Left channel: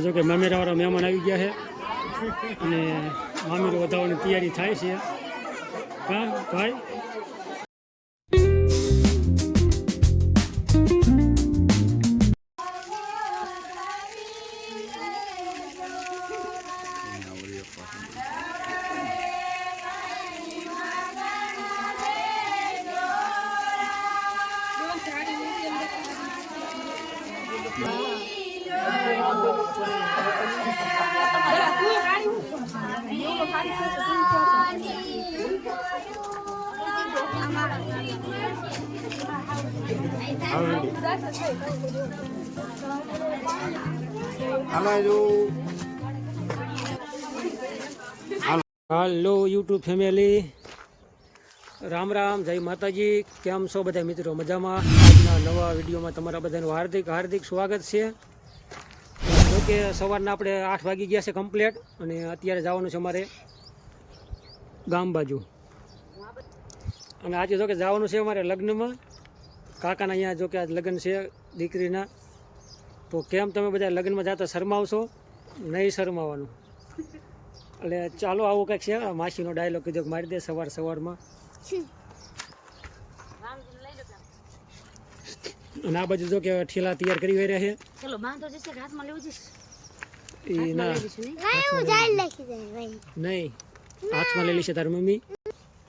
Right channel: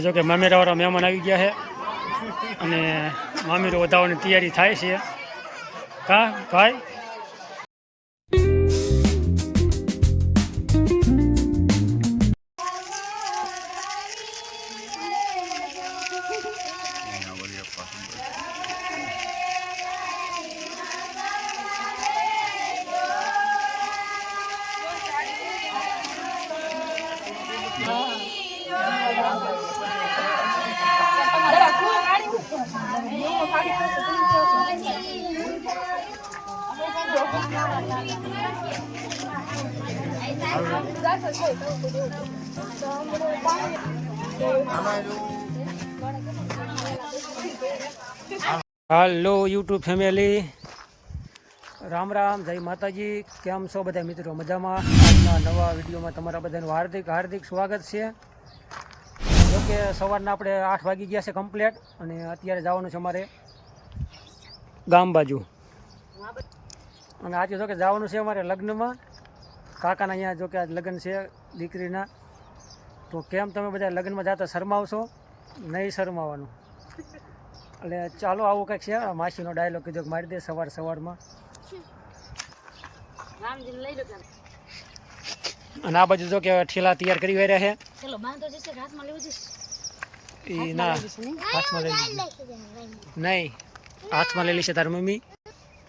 જો કે મામેરાવાળા મહેમાન આવી ગયા છે અને મામીરો વધાવવાની તૈયારી થાય છે. કા ભાઈ હાલો યુટ્યુબ ફેમિલી, રામ રામ, જય માતાજી. કેમ છો બધા મિત્રો? મજામાં? આજના નવા વિડીયોમાં તમારા બધાનું હાર્દિક હાર્દિક સ્વાગત છે. જોકે સવારના આપણે 8 વાગી ગયા છે કમ્પ્લેટ અને અત્યારે જવાનું છે અમારે ગામ બાજુ. અને આજે જોકે જવાનું છે અમારે લગ્નમાં. કાકાના અહીંયા જોકે આજ લગ્ન છે દીકરીના. તો કેમ તમે બધા લગ્નમાં જતા શરમાવશો? નહીં શરમાવાનું. એટલે ચાલો આવું કંઈક છે. માસીનો ડાયલોગ કીધો મારી દે સવારમાં. અને આ બાજુ જો કે ઠેલા તૈયાર કરી રહ્યા છે. ચલો બાંધો જશે હાથમાં લેવું જશે. ના હાથમાં નહીં, હાથમાં લઈ લેશે તારી મમ્મી.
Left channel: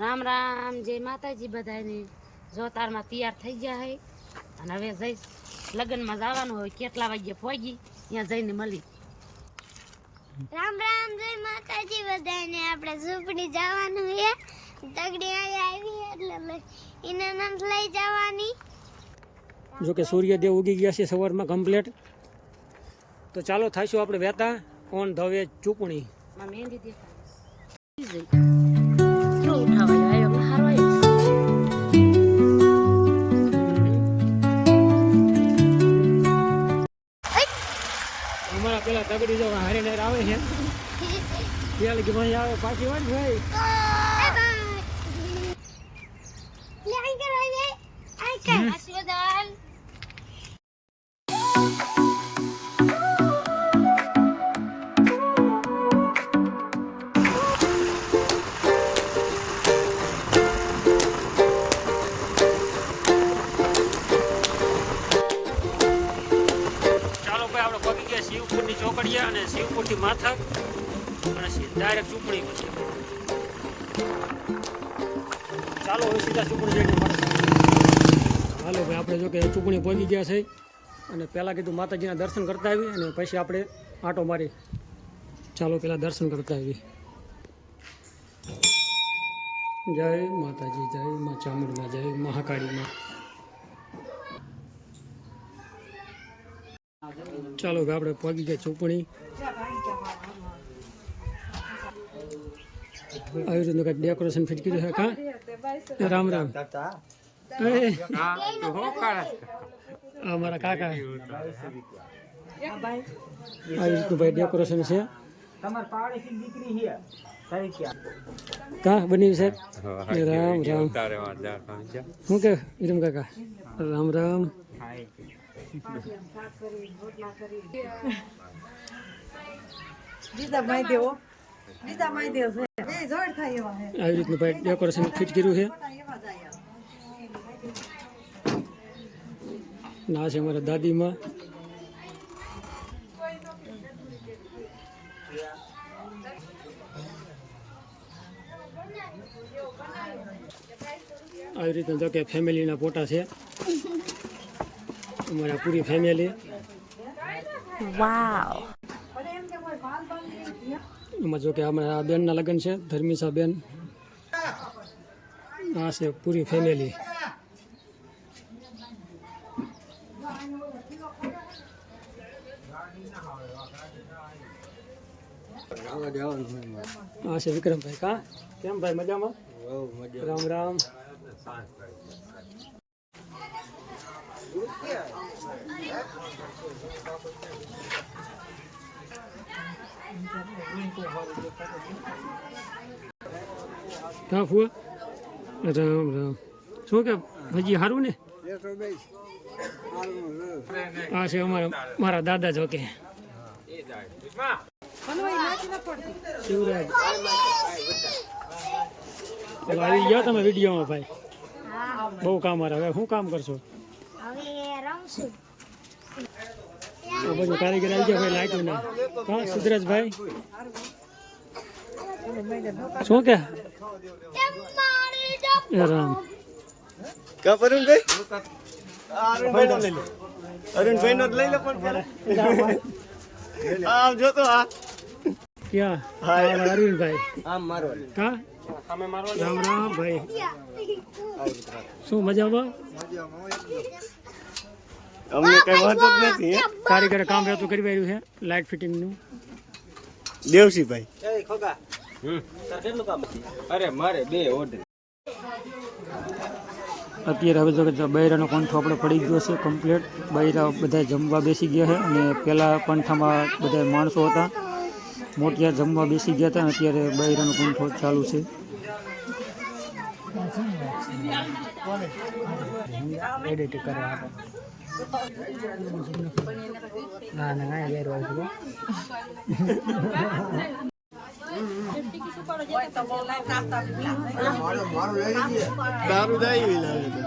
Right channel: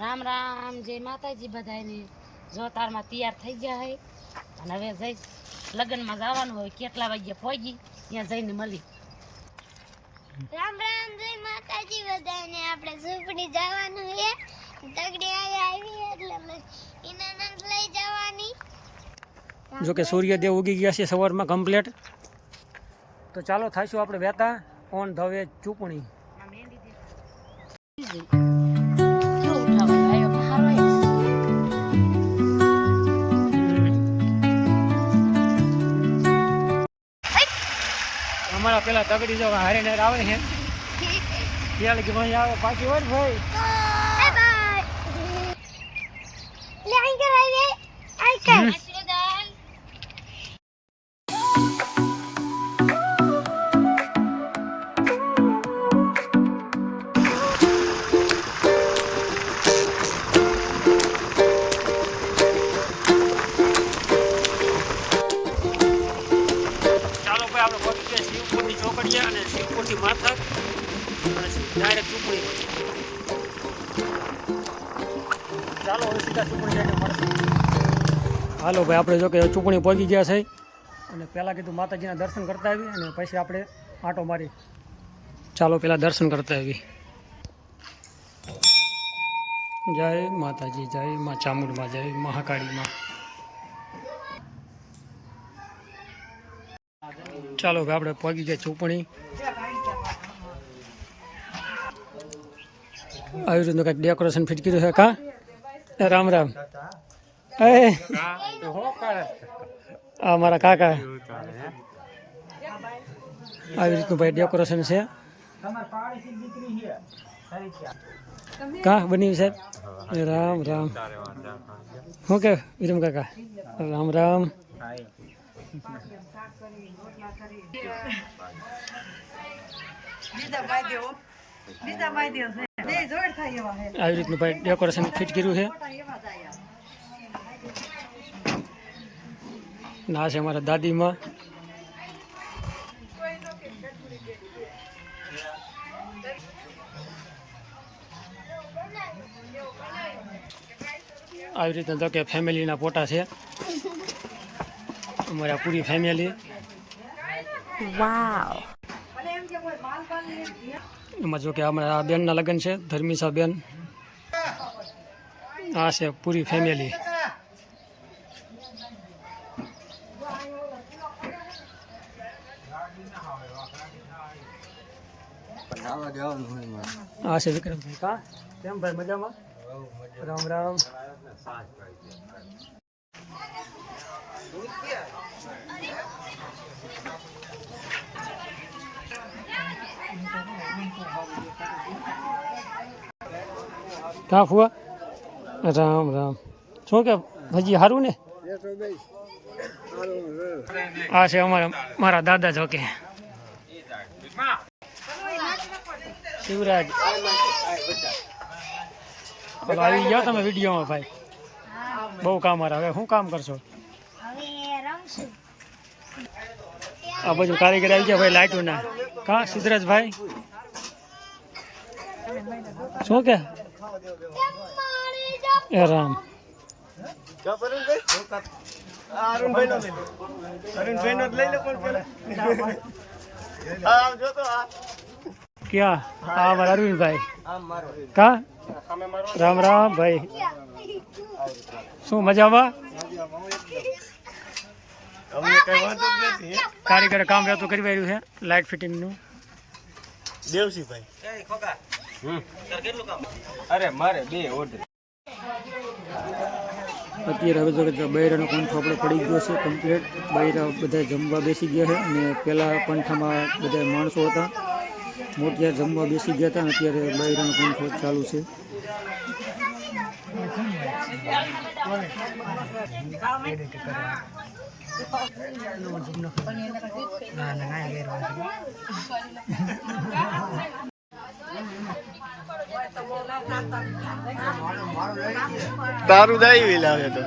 રામ રામ, જય માતાજી બધાને. જો તારમાં તૈયાર થઈ ગયા હે અને હવે જઈ લગ્નમાં જવાનું હોય. કેટલા વાગ્યા પહોંચી ત્યાં જઈને મળી. રામ રામ, જય માતાજી બધાને. આપણે ઝૂંપડી જવાનું છે. તગડી આવી એટલે એને નંદ લઈ જવાની. જો કે સૂર્યદેવ ઉગી ગયા છે સવારમાં કમ્પ્લેટ. તો ચાલો થાઈશું આપણે વહેતા ઓન ધ વે ચૂપણી. અમારા પેલા તગડી જો હારે નાર આવે છે ત્યાં કે ભાઈ આવે પાછી હોય ભાઈ. આપણે પગી ગયા શિવપુરની ચોકડીયા અને શિવપુરથી માથા અને ડાયરેક્ટ ચૂંટણી. ચાલો હવે સીધા ચૂંટણી જઈને મળશે. હાલો ભાઈ, આપણે જો કે ચૂંટણી પહોંચી ગયા છે અને પહેલાં કીધું માતાજીના દર્શન કરતા આવી અને પછી આપણે આંટો મારી. ચાલો પહેલાં દર્શન કરતા આવી. જય માતાજી, જય મા ચામુંડમાં, જય મહાકાળીમાં. ચાલો ભાઈ, આપણે પહોંચી ગયા ચૂંટણી. આવી રીતનું કંઈક ડેકોરેશન ફિટ કર્યું છે. કા રામ રામ. આ મારા કાકા. આવી રીતનું ભાઈ ડેકોરેશન છે. કા બની સાહેબ? રામ રામ. શું કે વિરમ કાકા? રામ રામ. આવી રીતનું ભાઈ ડેકોરેશન ફિટ કર્યું છે. ના છે અમારા દાદીમાં. આવી રીતના તો કે ફેમિલીના ફોટા છે અમારા પૂરી ફેમિલી. વાવ. એમાં જો કે અમારા બેનના લગ્ન છે, ધર્મિશા બેન. આ છે પૂરી ફેમિલી. આ છે વિક્રમભાઈ. કા કેમ ભાઈ? મજામાં? રામ રામ. કા ફુવા? રામ રામ. શું કે હજી સારું ને? આ છે અમારા મારા દાદા. જો કે શિવરાજ હાલો આવી ગયા તમે વિડીયોમાં ભાઈ બહુ કામ આવે હવે શું કામ કરશો હવે રમશું આ બાજુ કારીગર આવી ગયા ભાઈ લાઈટો ના કા સિદ્ધરાજભાઈ શું કે એ રામ ક્યાં હા મારા અરવિંદભાઈ કા રામ રામ ભાઈ શું મજામાં અમને કઈ વાંધો જ નથી કારીગર કામ રહેતું કરી રહ્યું છે લાઇટ ફિટિંગનું દેવસીભાઈ અરે મારે 2 ઓર્ડર અત્યારે હવે જો બૈરાનો પંથો આપણે પડી ગયો છે કમ્પ્લીટ બૈરા બધા જમવા બેસી ગયા છે અને પહેલાં પંથામાં બધા માણસો હતા મોટિયા જમવા બેસી ગયા હતા અને અત્યારે બૈરાનો પંથો ચાલુ છે તારું દાઈ લાવે તો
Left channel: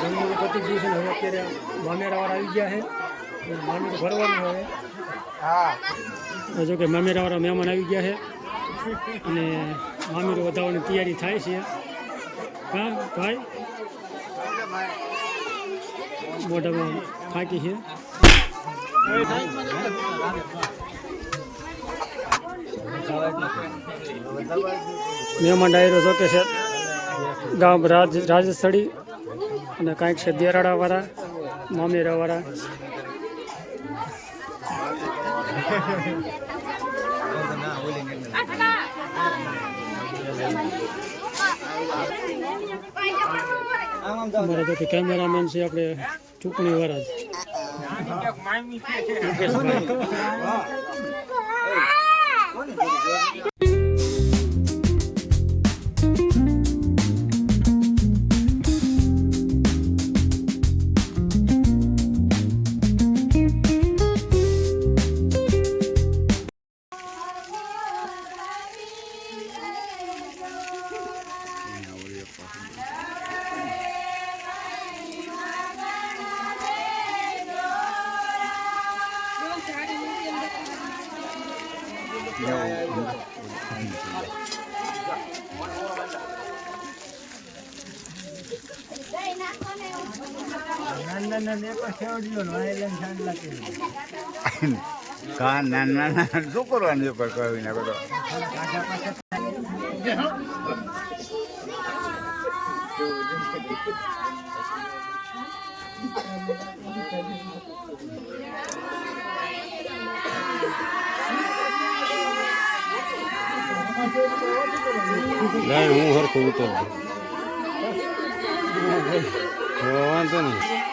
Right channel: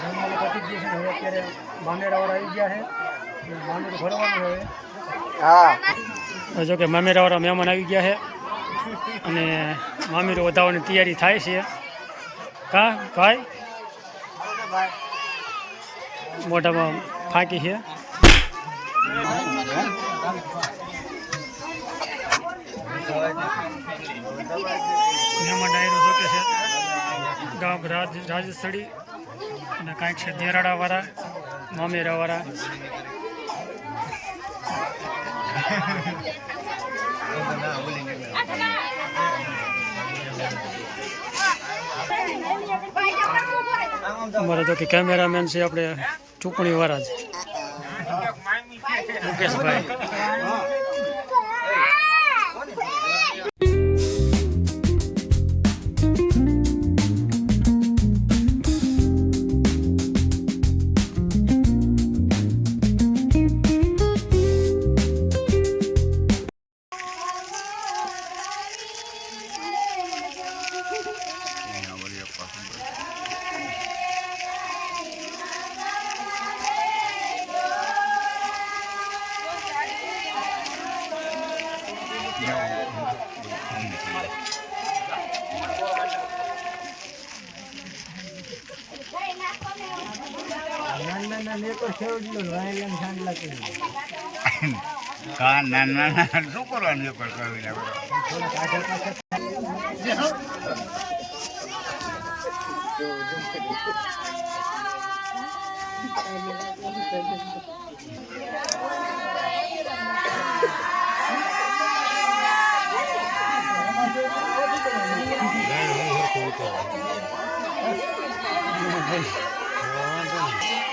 જમવાનું પતી ગયું છે ને હવે અત્યારે મામેરાવાળા આવી ગયા છે અને મામેરું ભરવાનું છે હવે હા જો કે મામેરાવાળા મહેમાન આવી ગયા છે અને મામેરું વધારવાની તૈયારી થાય છે કા ભાઈ મોઢામાં ફાંકી છે મહેમાન ડાયરો જો કે છે ગામ રાજસ્થળી અને કાંઈક છે દેરાડાવાળા મામેરાવાળા અમારા જો કે કેમેરામેન છે આપણે ચૂંટણી વાળા જ મુકેશભાઈ ના શું કરવાનું એ પર કરીને બધો હું હરખું ઉતર વાંધો નહીં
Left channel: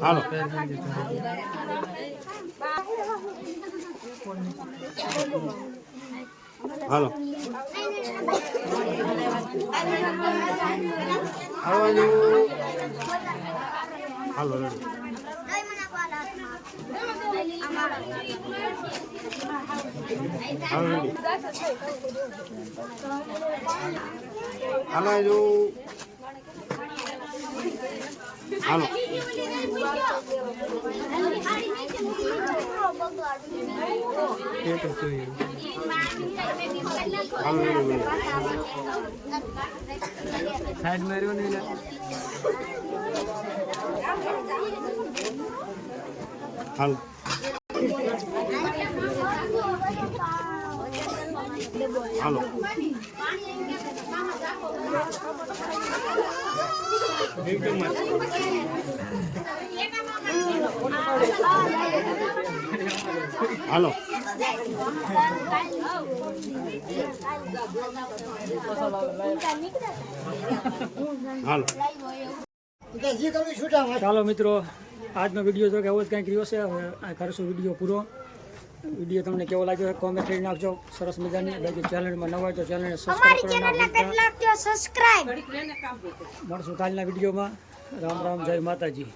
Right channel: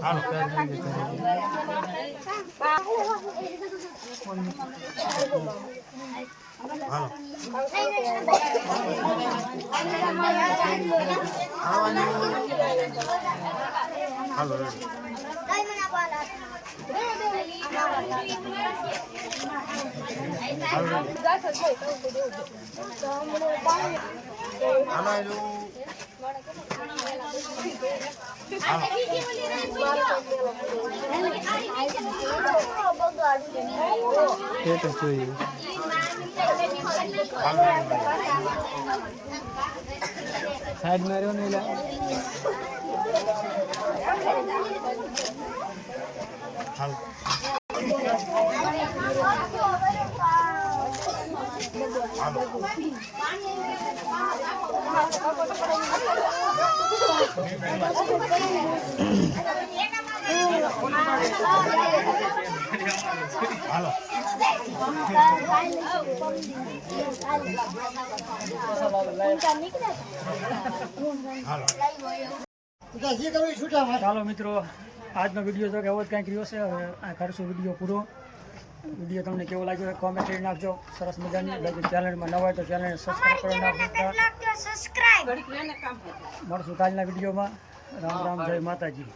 હાલો હાલો હાલો સાઈડ માર્યો ને હાલો ચાલો મિત્રો, આજનો વિડીયો જો કે એવો જ કંઈક રહ્યો છે. હવે આ કરશું વિડીયો પૂરો. વિડીયો તમને કેવો લાગ્યો છે કોમેન્ટ કરી નાખજો. સરસ મજાની. બાકી ચેનલમાં નવા હોય તો ચેનલને સબસ્ક્રાઈબ કરવા ના ભૂલતા. સબસ્ક્રાઇબ મળશું કાલના વિડીયોમાં. રામ રામ, જય માતાજી.